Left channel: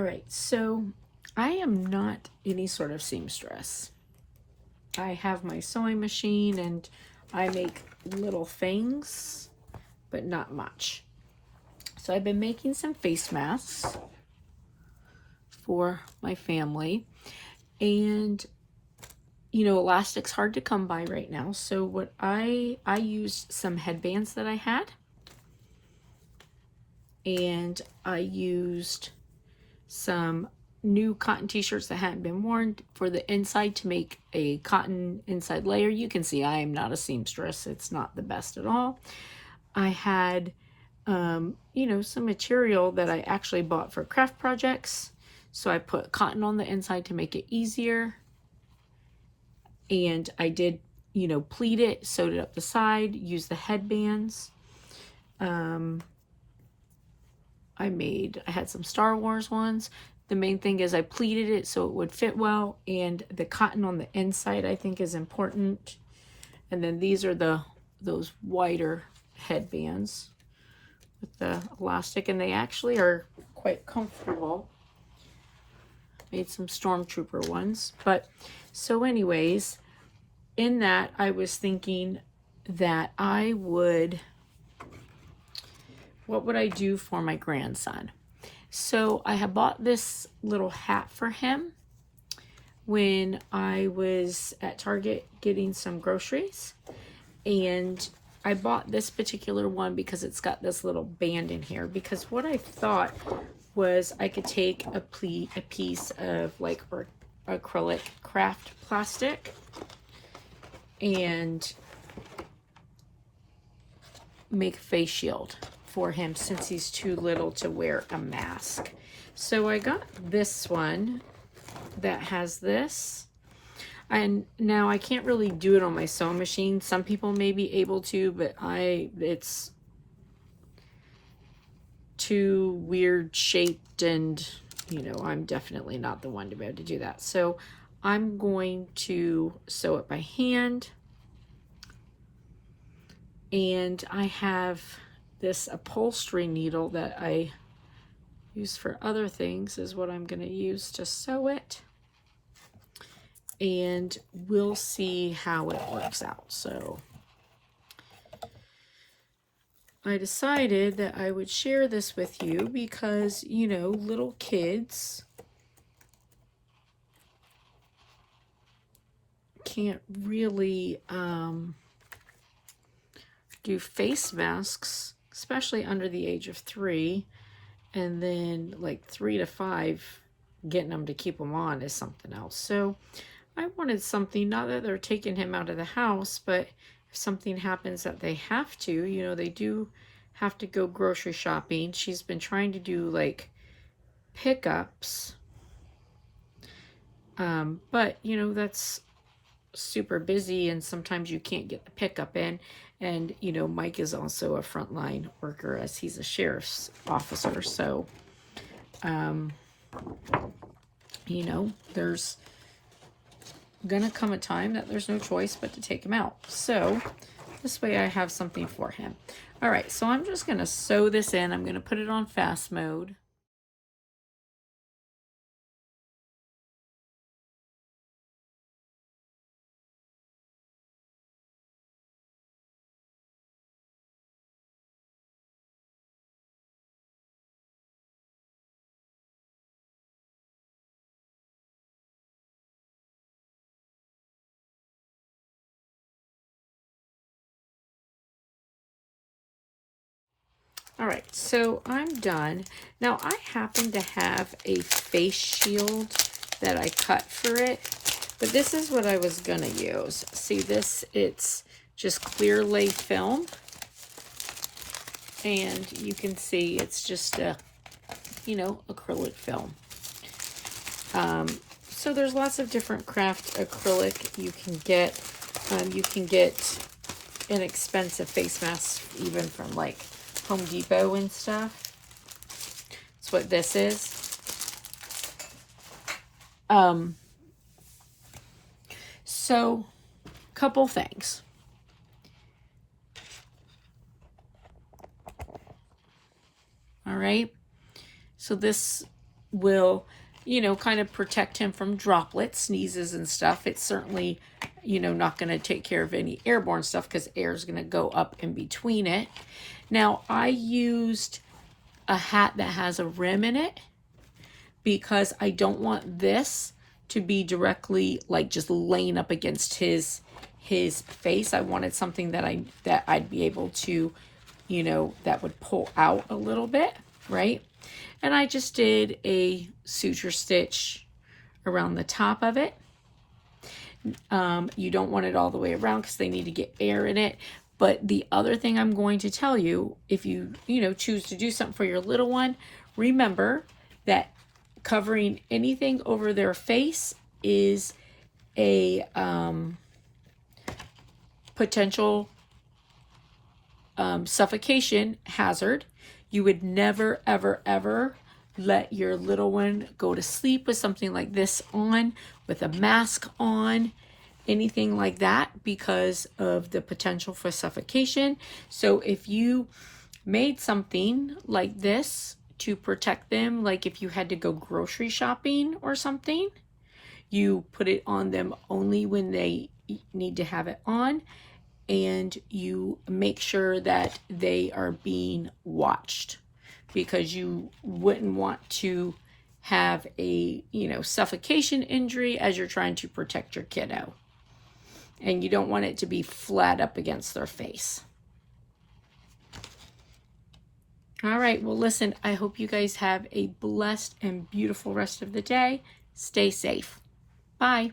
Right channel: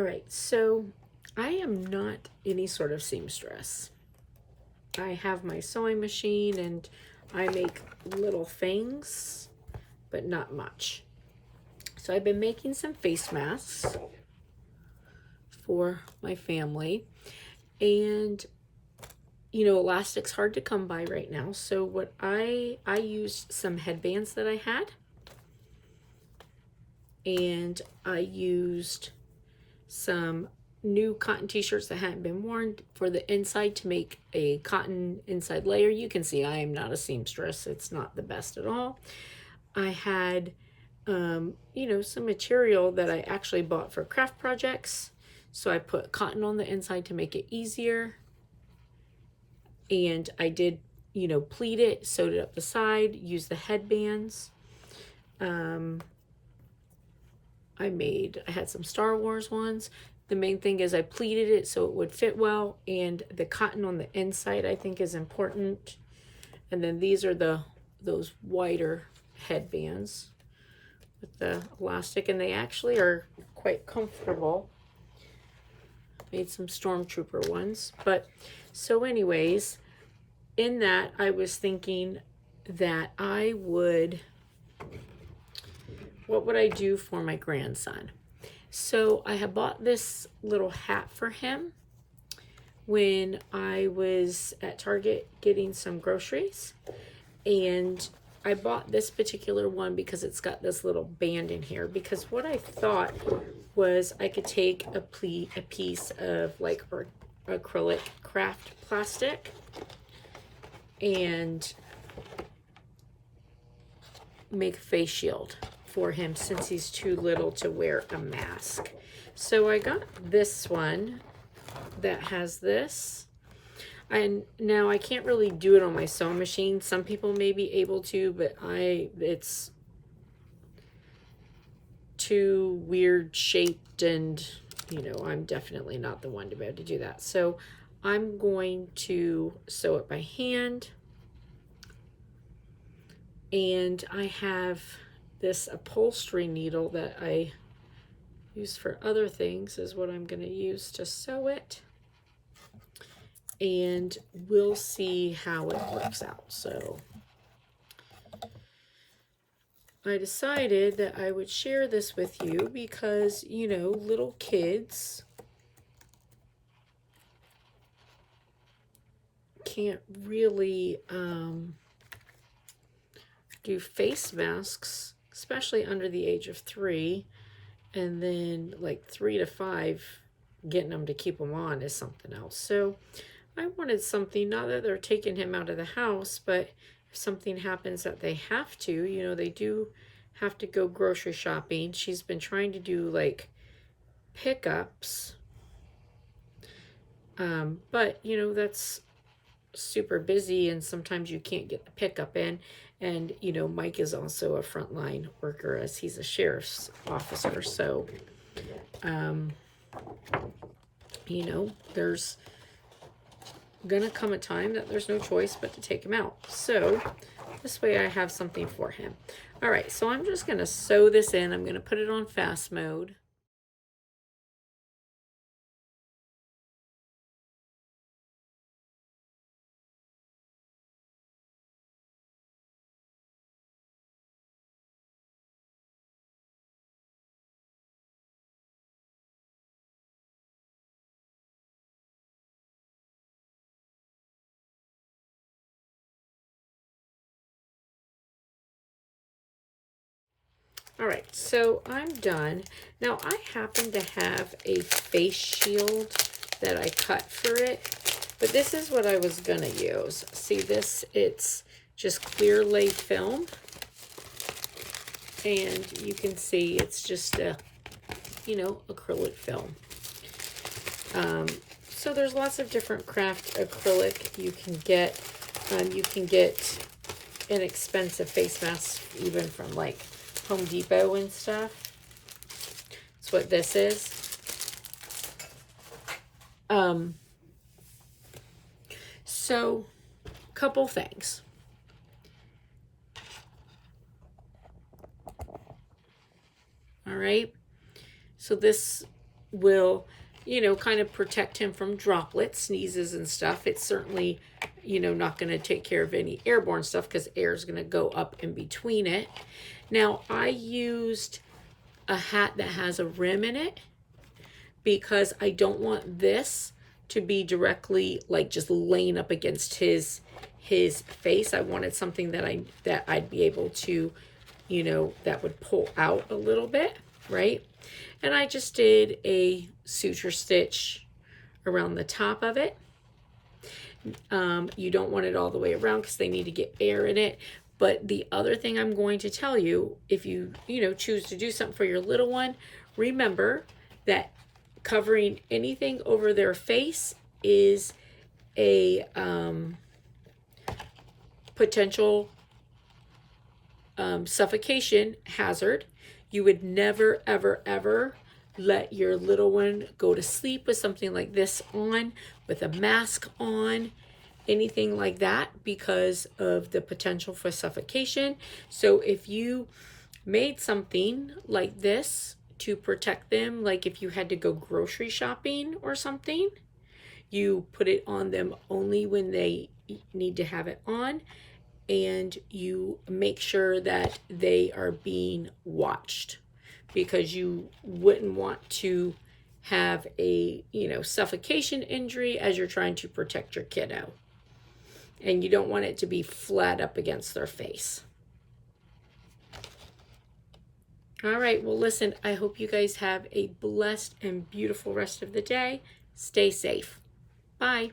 All right, so I am not any sort of seamstress. I have my sewing machine and I make little things, but not much. So I've been making some face masks for my family, and you know, elastic's hard to come by right now. So what I used some headbands that I had, and I used some new cotton t-shirts that hadn't been worn for the inside to make a cotton inside layer. You can see I am not a seamstress. It's not the best at all. I had you know, some material that I actually bought for craft projects. So I put cotton on the inside to make it easier. And I did, you know, pleat it, sewed it up the side, used the headbands. I had some Star Wars ones. The main thing is I pleated it so it would fit well, and the cotton on the inside I think is important. And then these are those wider headbands with the elastic, and they actually are quite comfortable. Made some Stormtrooper ones. But so anyways, in that I was thinking that what would I do for my grandson? So I had bought this little hat for him when I was at Target getting some groceries, and I bought this particular one because it's got this little band in here, because what I thought was I could take a piece of like acrylic craft plastic and make a face shield for him since he's too little to wear a mask. So I got this one that has this. And now I can't really do it on my sewing machine. Some people may be able to, but it's too weird shaped, and you know, I'm definitely not the one to be able to do that. So I'm going to sew it by hand. And I have this upholstery needle that I use for other things is what I'm going to use to sew it. And we'll see how it works out. So I decided that I would share this with you because, you know, little kids can't really do face masks, especially under the age of 3, and then like 3 to 5, getting them to keep them on is something else. So I wanted something, not that they're taking him out of the house, but if something happens that they have to, you know, they do have to go grocery shopping. She's been trying to do like pickups, but you know, that's super busy, and sometimes you can't get the pickup in. And you know, Mike is also a frontline worker as he's a sheriff's officer, so you know, there's gonna come a time that there's no choice but to take him out. So this way I have something for him. All right, so I'm just gonna sew this in. I'm gonna put it on fast mode. All right, so I'm done. Now I happen to have a face shield that I cut for it, but this is what I was gonna use. See this, it's just clear lay film, and you can see it's just a, you know, acrylic film. So there's lots of different craft acrylic you can get. You can get inexpensive face masks even from like Home Depot and stuff. That's what this is. So couple things. All right. So this will, you know, kind of protect him from droplets, sneezes and stuff. It's certainly, you know, not going to take care of any airborne stuff because air is going to go up in between it. Now, I used a hat that has a rim in it because I don't want this to be directly like just laying up against his face. I wanted something that I'd be able to, you know, that would pull out a little bit, right? And I just did a suture stitch around the top of it. You don't want it all the way around because they need to get air in it. But the other thing I'm going to tell you, if you know, choose to do something for your little one, remember that covering anything over their face is a potential suffocation hazard. You would never, ever, ever let your little one go to sleep with something like this on, with a mask on, anything like that, because of the potential for suffocation. So if you made something like this to protect them, like if you had to go grocery shopping or something, you put it on them only when they need to have it on, and you make sure that they are being watched, because you wouldn't want to have a, you know, suffocation injury as you're trying to protect your kiddo. And you don't want it to be flat up against their face. All right, well, listen, I hope you guys have a blessed and beautiful rest of the day. Stay safe. Bye.